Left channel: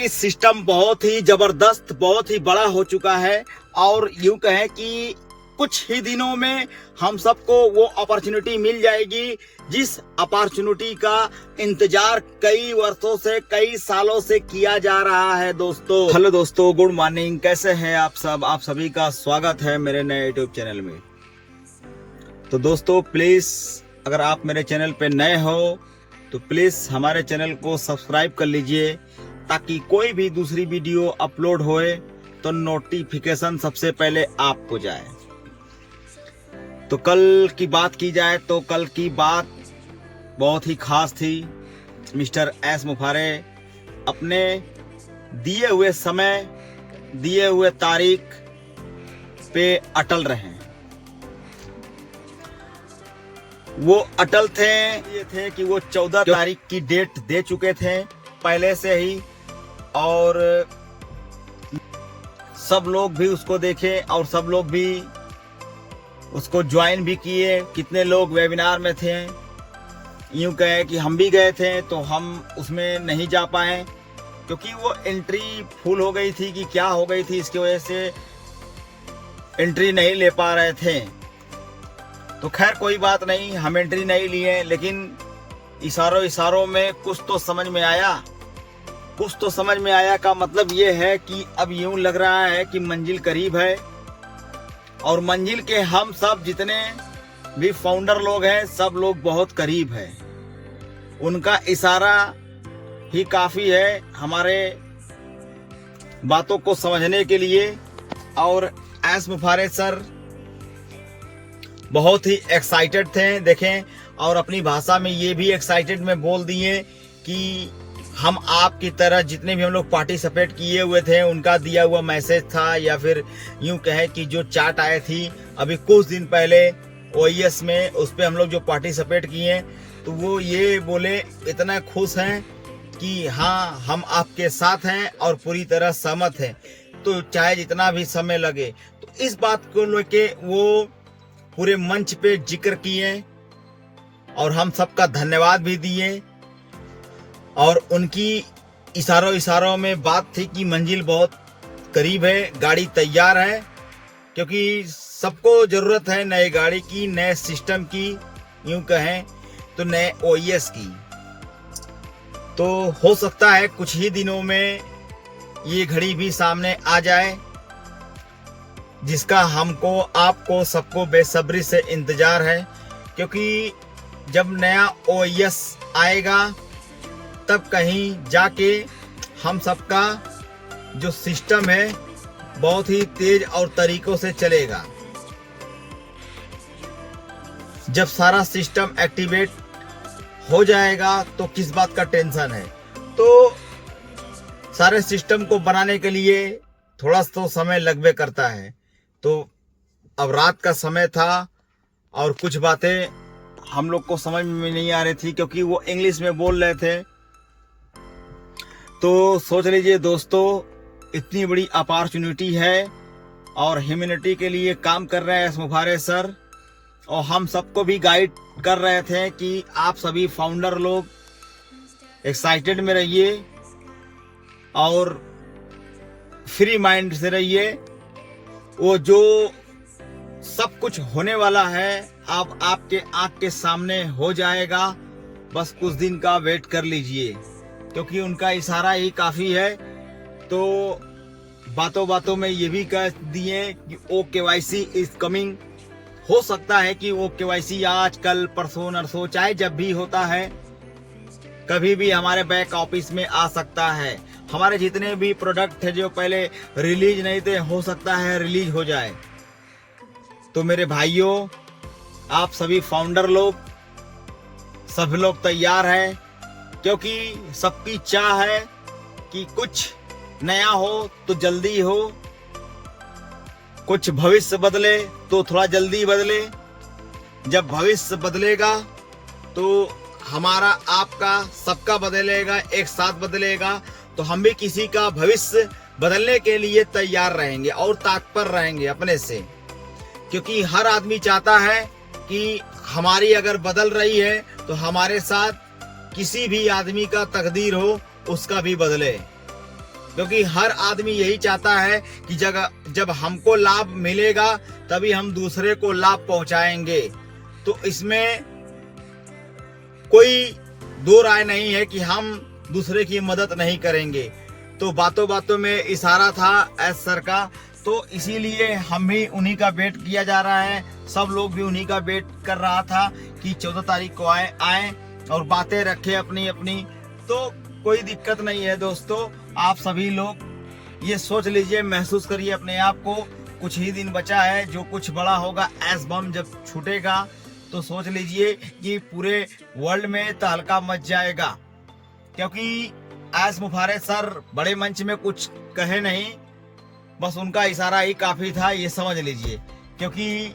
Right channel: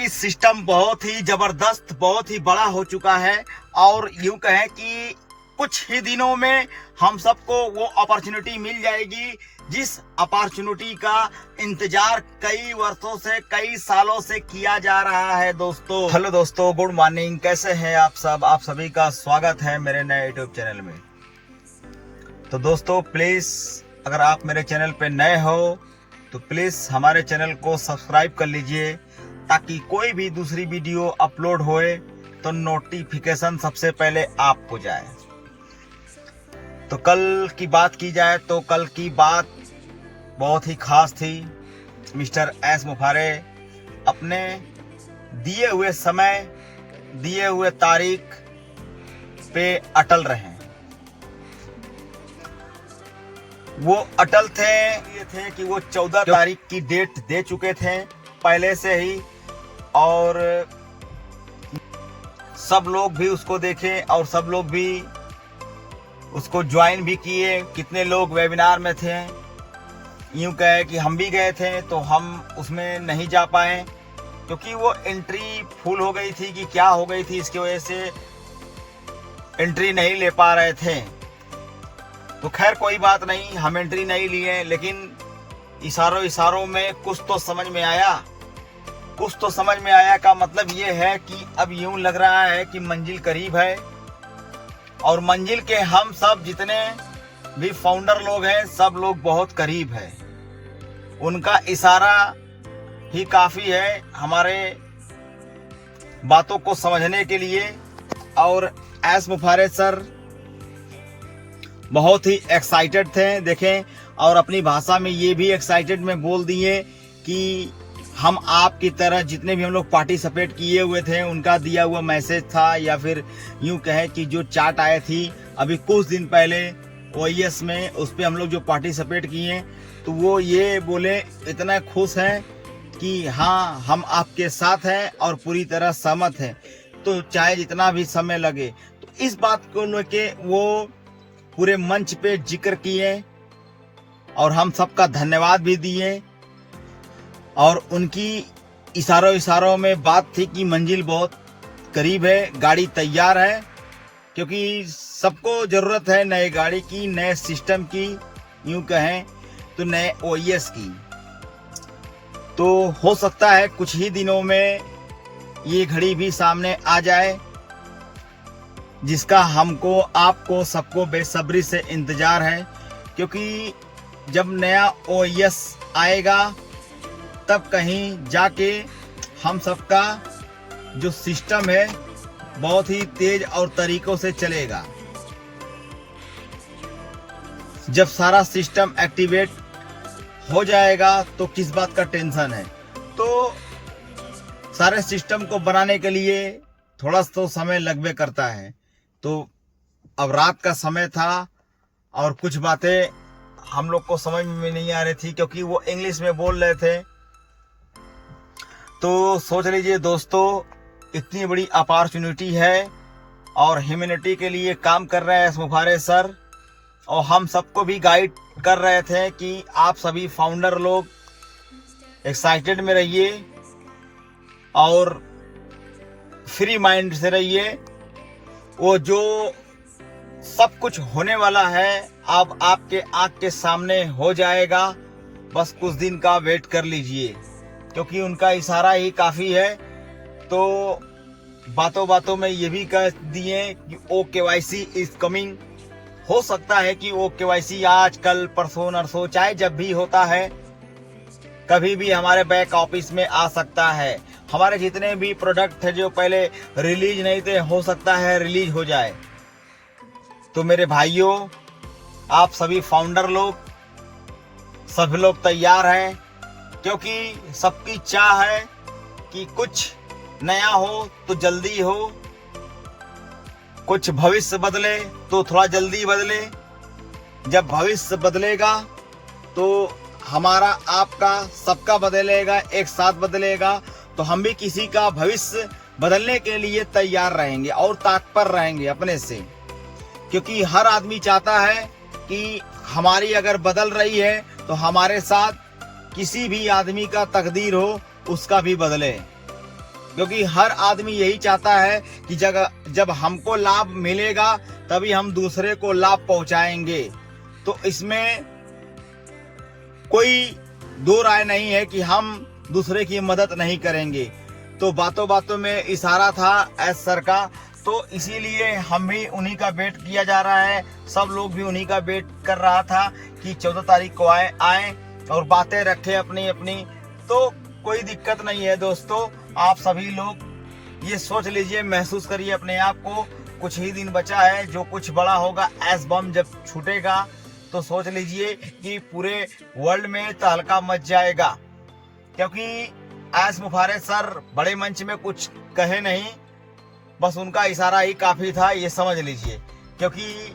क्योंकि सिस्टम बहुत ही जबरदस्त, बहुत ही बड़ा हो चुका है और यूं कहें कि कुछ ही दिनों में हम सबको वो अपॉर्चुनिटी मिल जाएगी जिस अपॉर्चुनिटी का इंतजार कई वर्षों से, कई सालों से किया जा रहा है। दोस्तों, हेलो दोस्तों, गुड मॉर्निंग। कैसे हैं आप सब? आप सभी का स्वागत है मेरे नए यूट्यूब चैनल में। तो दोस्तों, प्लीज अगर आप मेरे चैनल पे नए हो तो प्लीज हमारे चैनल को सब्सक्राइब कर लीजिए ताकि कोई भी दूसरी वीडियो अपलोड होए तो नोटिफिकेशन सबसे पहले आपको जाए। तो कल की बात की जाए तो कल की बात बहुत ही खास थी। मिस्टर एस मुफारे अपने दिए हुए समय, दिए हुए तारीख पे अटल रहे। वो अटल थे, ये थे कि वो 14 तारीख की डेट दे चुके थे पहले से ही, और सब लोग भी उसको देखे और सब लोग भी उसको ज्वाइन भी किए। कितने लोग वेबिनार में थे, यूं कहे कि हम भी गए थे तो हम उसमें नहीं जा पाए क्योंकि वो एंट्री फुल हो गई थी कि क्या हो गई थी, इसकी वजह से एंट्री नहीं ले पा रहे थे। तो खैर कोई बात नहीं, हम एंट्री नहीं लिए, लेकिन इशारों में कुछ तो समझ में आया। कुछ तो समझ में आया का मतलब ये है कि अब यूं लग रहा है कि मंजिल करीब है और मंजिल के हम सब जितने भी फाउंडर लोग हैं सब लोग बहुत करीब हैं। उनका इशारा ही काफ़ी है हमारे बातों को समझने के लिए। और एस मुफारे सर बहुत ही एक्साइटेड थे, देखें, और अपनी भाषा में ये भी एक्साइटेड में बोल दिए कि हम आपकी तरह जितने भी हम लोग पार्टिसिपेट किए हुए थे उनका दिया हुआ मैसेज था, या फिर यूं कहें कि जो चार्ट आई थी अभी कुछ दिन पहले OES में, उस पर हम लोग जो पार्टिसिपेट किए तो वो ये बोले इतना खुश हैं कि हाँ हम आपके साथ हैं और पूरी तरह सहमत हैं, तो चाहे जितना भी समय लगे। तो इस बात को लेके वो पूरे मंच पे जिक्र किए और हम सबका धन्यवाद भी दिए। और उनकी इशारों में बात थी कि मंजिल बहुत करीब है, गाड़ी तैयार है, क्योंकि सबको जरूरत है नए गाड़ी की, नए सिस्टम की, यूं कहें तो नए OES की। तो हो सकता है कुछ ही दिनों में ये घड़ी भी सामने आ जाए, जिसका हमको, आपको, सबको बेसब्री से इंतजार है, क्योंकि जब नया OES आएगा तब कहीं जाके हम सबका जो सिस्टम है बहुत ही तेज और तरीकों से चलेगा। जब सारा सिस्टम एक्टिवेट हो जाएगा तो किस बात का टेंशन है। तो सारे सिस्टम को बनाने के लिए थोड़ा तो समय लगवे करता है। तो अब रात का समय था और कुछ बातें हम लोग को समझ में नहीं आ रही थी क्योंकि वो इंग्लिश में बोल रहे थे। तो सोच लीजिए दोस्तों, इतनी बड़ी अपॉर्चुनिटी है और ह्यूमैनिटी के लिए काम कर रहे हैं एस मुफारे सर, और हम सबको भी गाइड कर रहे थे कि आप सभी फाउंडर लोग एक्साइटेड में रहिए और फ्री माइंड से रहिए। वो जो सब कुछ होने वाला है अब आपके आंख के सामने हो जाएगा, बस कुछ दिन का वेट कर लीजिए, क्योंकि उनका इशारा ही काफ़ी है। तो बातों बातों में ये भी कह दिए कि OKYC इज कमिंग। हो सकता है कि OKYC आज, कल, परसों, नरसों, चाहे जब भी होता है, कभी भी हमारे बैक ऑफिस में आ सकता है। हमारे जितने भी प्रोडक्ट थे जो पहले रिलीज नहीं थे, हो सकता है रिलीज हो जाए। तो मेरे भाइयों, आप सभी फाउंडर लोग, सभी लोग तैयार हैं, क्योंकि सबकी चाह है कि कुछ नया हो तो जल्दी हो, कुछ भविष्य बदले तो थोड़ा जल्दी बदले। जब भविष्य बदलेगा तो हमारा, आपका, सबका बदलेगा, एक साथ बदलेगा, तो हम भी किसी का भविष्य बदलने के लिए तैयार रहेंगे और तत्पर रहेंगे अपने से, क्योंकि हर आदमी चाहता है कि हमारी अगर बदल रही है तो हमारे साथ किसी भी आदमी का तकदीर हो उसका भी बदले। क्योंकि हर आदमी यही चाहता है कि जब हमको लाभ मिलेगा तभी हम दूसरे को लाभ पहुंचाएंगे। तो इसमें कोई दो राय नहीं है कि हम दूसरे की मदद नहीं करेंगे। तो बातों बातों में इशारा था एस सर का, तो इसीलिए हम भी उन्हीं का वेट किया जा रहा है, सब लोग भी उन्हीं का वेट कर रहा था कि 14 तारीख को आए और बातें रखे अपनी अपनी। तो कोई दिक्कत नहीं है दोस्तों, आप सभी लोग ये सोच लीजिए, महसूस करिए अपने आप को, कुछ ही दिन बचा है, जो कुछ बड़ा होगा, एस बम जब छूटेगा तो सोच लीजिए कि पूरे वर्ल्ड में तहलका मच जाएगा। क्योंकि एस मुफारेज सर बड़े मंच में कुछ कहे नहीं, बस उनका इशारा ही काफी था, ये समझ लीजिए। क्योंकि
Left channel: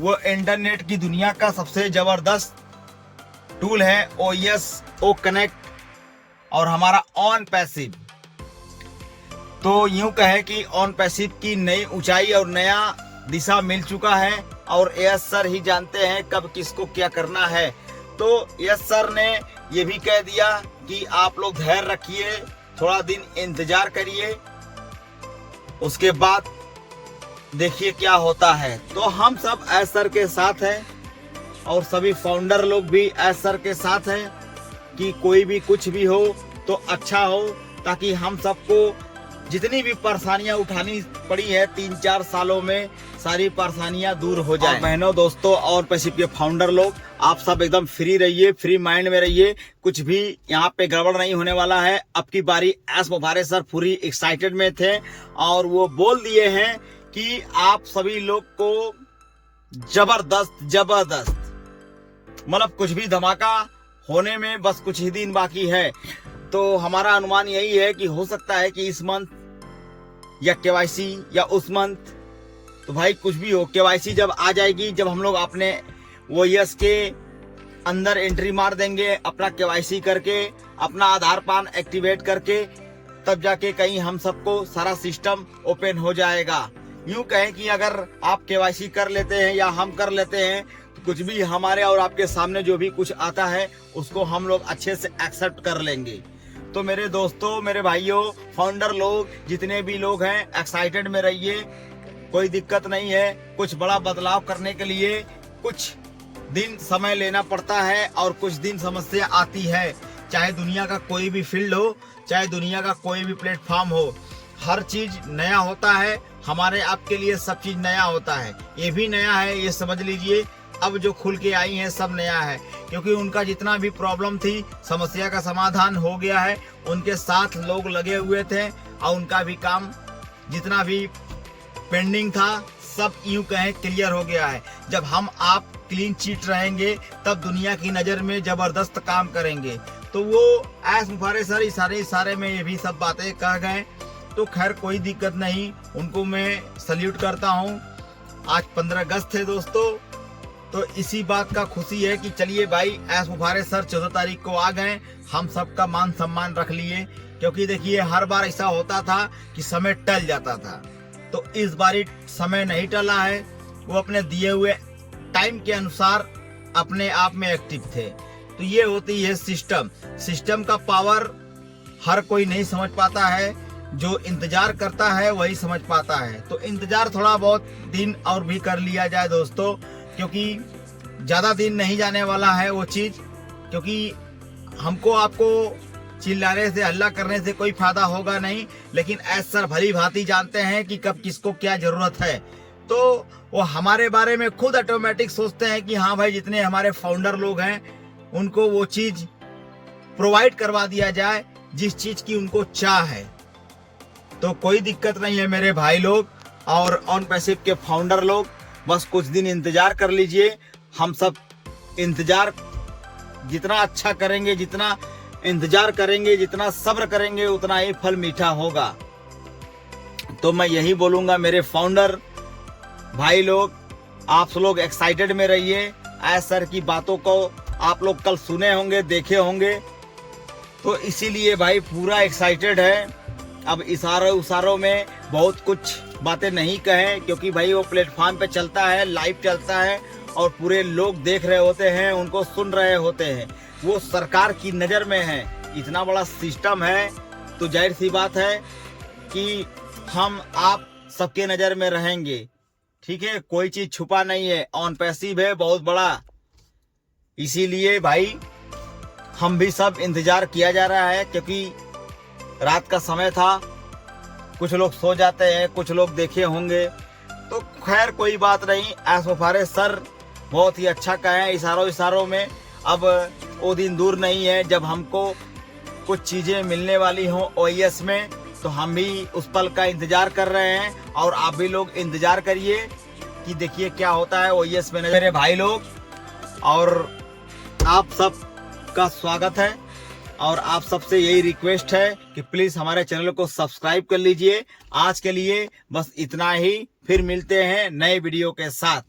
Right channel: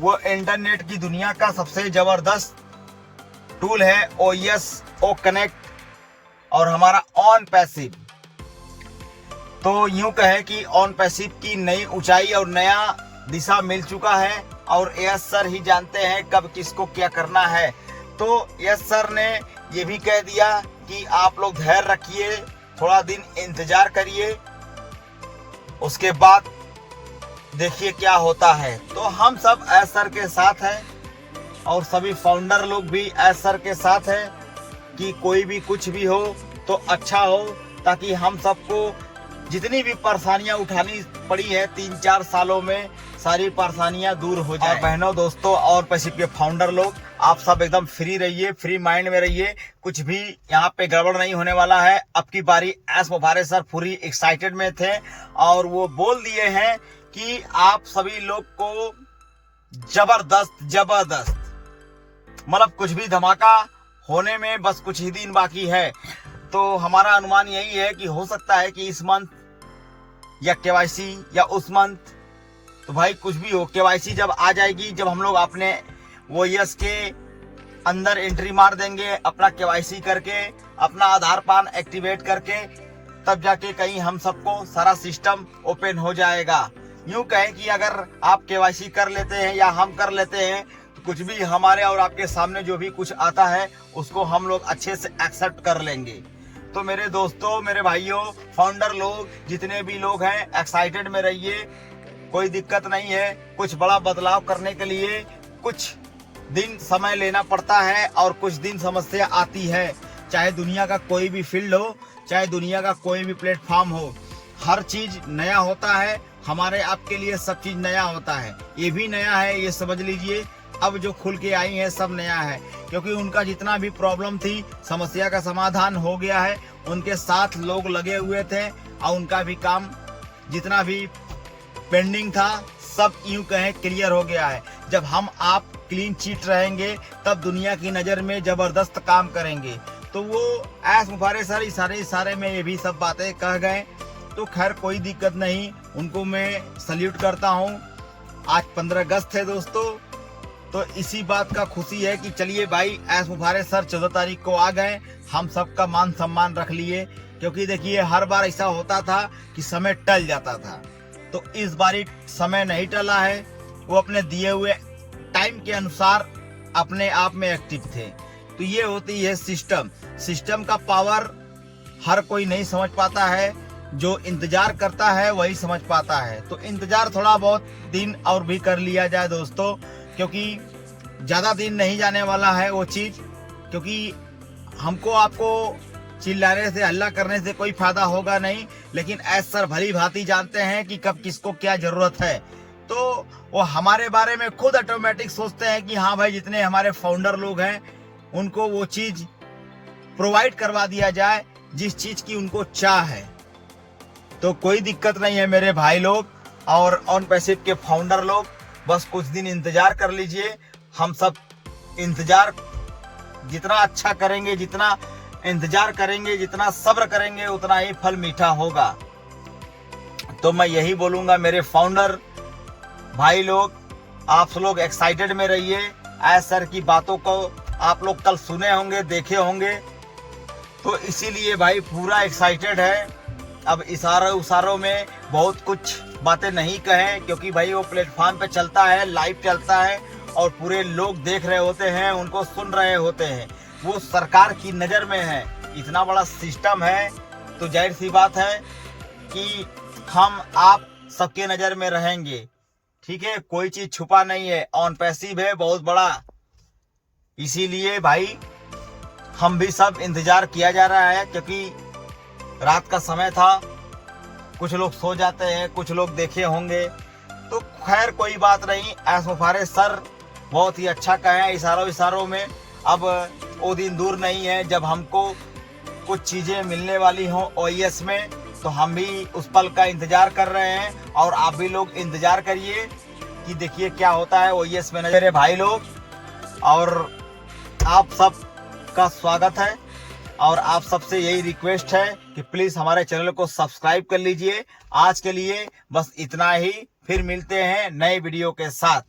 वो इंटरनेट की दुनिया का सबसे जबरदस्त टूल है OS ओ कनेक्ट और हमारा ऑन पैसिव। तो यूं कहे कि ऑन पैसिव की नई ऊंचाई और नया दिशा मिल चुका है और एस सर ही जानते हैं कब किसको क्या करना है। तो एस सर ने ये भी कह दिया कि आप लोग धैर्य रखिए, थोड़ा दिन इंतजार करिए, उसके बाद देखिए क्या होता है। तो हम सब एस सर के साथ हैं और सभी फाउंडर लोग भी एस सर के साथ हैं कि कोई भी कुछ भी हो तो अच्छा हो, ताकि हम सबको जितनी भी परेशानियां उठानी पड़ी है 3-4 सालों में, सारी परेशानियां दूर हो जाए। और बहनों, दोस्तों और पैसिव के फाउंडर लोग, आप सब एकदम फ्री रहिए, फ्री माइंड में रहिए, कुछ भी यहाँ पे गड़बड़ नहीं होने वाला है। अब की बारी एस मुफारेज सर पूरी एक्साइटेड में थे और वो बोल दिए हैं कि आप सभी लोग को जबरदस्त मतलब कुछ भी धमाका होने में बस कुछ ही दिन बाकी है। तो हमारा अनुमान यही है कि हो सकता है कि इस मंथ या KYC या उस मंथ, तो भाई कुछ भी हो, KYC जब आ जाएगी, जब हम लोग अपने OS के अंदर एंट्री मार देंगे, अपना KYC करके, अपना आधार पान एक्टिवेट करके, तब जाके कहीं हम सबको सारा सिस्टम ओपन हो जाएगा। यूं कहें कि अगर आप KYC कर लेते हैं या हम कर लेते हैं, तो कुछ भी हमारे और आपके सामने जो भी कुछ आता है उसको हम लोग अच्छे से एक्सेप्ट कर लेंगे। तो मेरे दोस्तों, मेरे भाइयों, फाउंडर लोग, जितने भी लोग हैं, एक्साइटेड में रहिए, कोई दिक्कत नहीं है। कुछ बड़ा बदलाव करने के लिए कुछ दिन समय लेना पड़ता है और कुछ दिन समस्या आती है, चाहे दुनिया का कोई भी फील्ड हो, चाहे दुनिया का कोई भी प्लेटफॉर्म हो, हर चीज नया होता है। हमारे आपके लिए सब चीज नया होता है, ये भी नया है, ये समझ लीजिए। अब जो खुल के आई है सब नया है, क्योंकि उनका जितना भी प्रॉब्लम थी, समस्या का समाधान हो गया है, उनके साथ लोग लगे हुए थे और उनका भी काम जितना भी पेंडिंग था सब यूं कहें क्लियर हो गया है। जब हम आप क्लीन चिट रहेंगे तब दुनिया की नज़र में जबरदस्त काम करेंगे। तो वो एस मुफारेज सर इशारे में ये भी सब बातें कह गए। तो खैर कोई दिक्कत नहीं, उनको मैं सल्यूट करता हूँ। आज 15 अगस्त है दोस्तों, तो इसी बात का खुशी है कि चलिए भाई एस मुफारेज सर 14 तारीख को आ गए, हम सबका मान सम्मान रख लिए। क्योंकि देखिए हर बार ऐसा होता था कि समय टल जाता था, तो इस बारी समय नहीं टला है। वो अपने दिए हुए टाइम के अनुसार अपने आप में एक्टिव थे। तो ये होती है सिस्टम का पावर हर कोई नहीं समझ पाता है, जो इंतजार करता है वही समझ पाता है। तो इंतजार थोड़ा बहुत दिन और भी कर लिया जाए दोस्तों, क्योंकि ज़्यादा दिन नहीं जाने वाला है वो चीज़। क्योंकि हमको आपको चिल्लाने से, हल्ला करने से कोई फायदा होगा नहीं, लेकिन एस सर भली भांति जानते हैं कि कब किसको क्या जरूरत है। तो वो हमारे बारे में खुद ऑटोमेटिक सोचते हैं कि हाँ भाई, जितने हमारे फाउंडर लोग हैं उनको वो चीज़ प्रोवाइड करवा दिया जाए जिस चीज़ की उनको चाह है। तो कोई दिक्कत नहीं है मेरे भाई लोग और ऑन पैसिव के फाउंडर लोग, बस कुछ दिन इंतजार कर लीजिए। हम सब इंतजार जितना अच्छा करेंगे, जितना इंतजार करेंगे, जितना सब्र करेंगे, उतना ही फल मीठा होगा। तो मैं यही बोलूंगा मेरे फाउंडर भाई लोग, आप लोग एक्साइटेड में रहिए। एस सर की बातों को आप लोग कल सुने होंगे, देखे होंगे, तो इसीलिए भाई पूरा एक्साइटेड है। अब इशारों में बहुत कुछ बातें नहीं कहें, क्योंकि भाई वो प्लेटफॉर्म पे चलता है, लाइव चलता है और पूरे लोग देख रहे होते हैं, उनको सुन रहे होते हैं, वो सरकार की नज़र में है। इतना बड़ा सिस्टम है तो जाहिर सी बात है कि हम आप सबके नज़र में रहेंगे। ठीक है, कोई चीज़ छुपा नहीं है, ऑन पैसिव है बहुत बड़ा। इसीलिए भाई हम भी सब इंतज़ार किया जा रहा है, क्योंकि रात का समय था, कुछ लोग सो जाते हैं, कुछ लोग देखे होंगे, तो खैर कोई बात नहीं। एस मुफारिस सर बहुत ही अच्छा कहे इशारों में। अब वो दिन दूर नहीं है जब हमको कुछ चीज़ें मिलने वाली हों OES में, तो हम भी उस पल का इंतज़ार कर रहे हैं और आप भी लोग इंतज़ार करिए कि देखिए क्या होता है OES में। मेरे भाई लोग और आप सब का स्वागत है और आप सबसे यही रिक्वेस्ट है कि प्लीज़ हमारे चैनल को सब्सक्राइब कर लीजिए। आज के लिए बस इतना ही, फिर मिलते हैं नए वीडियो के साथ।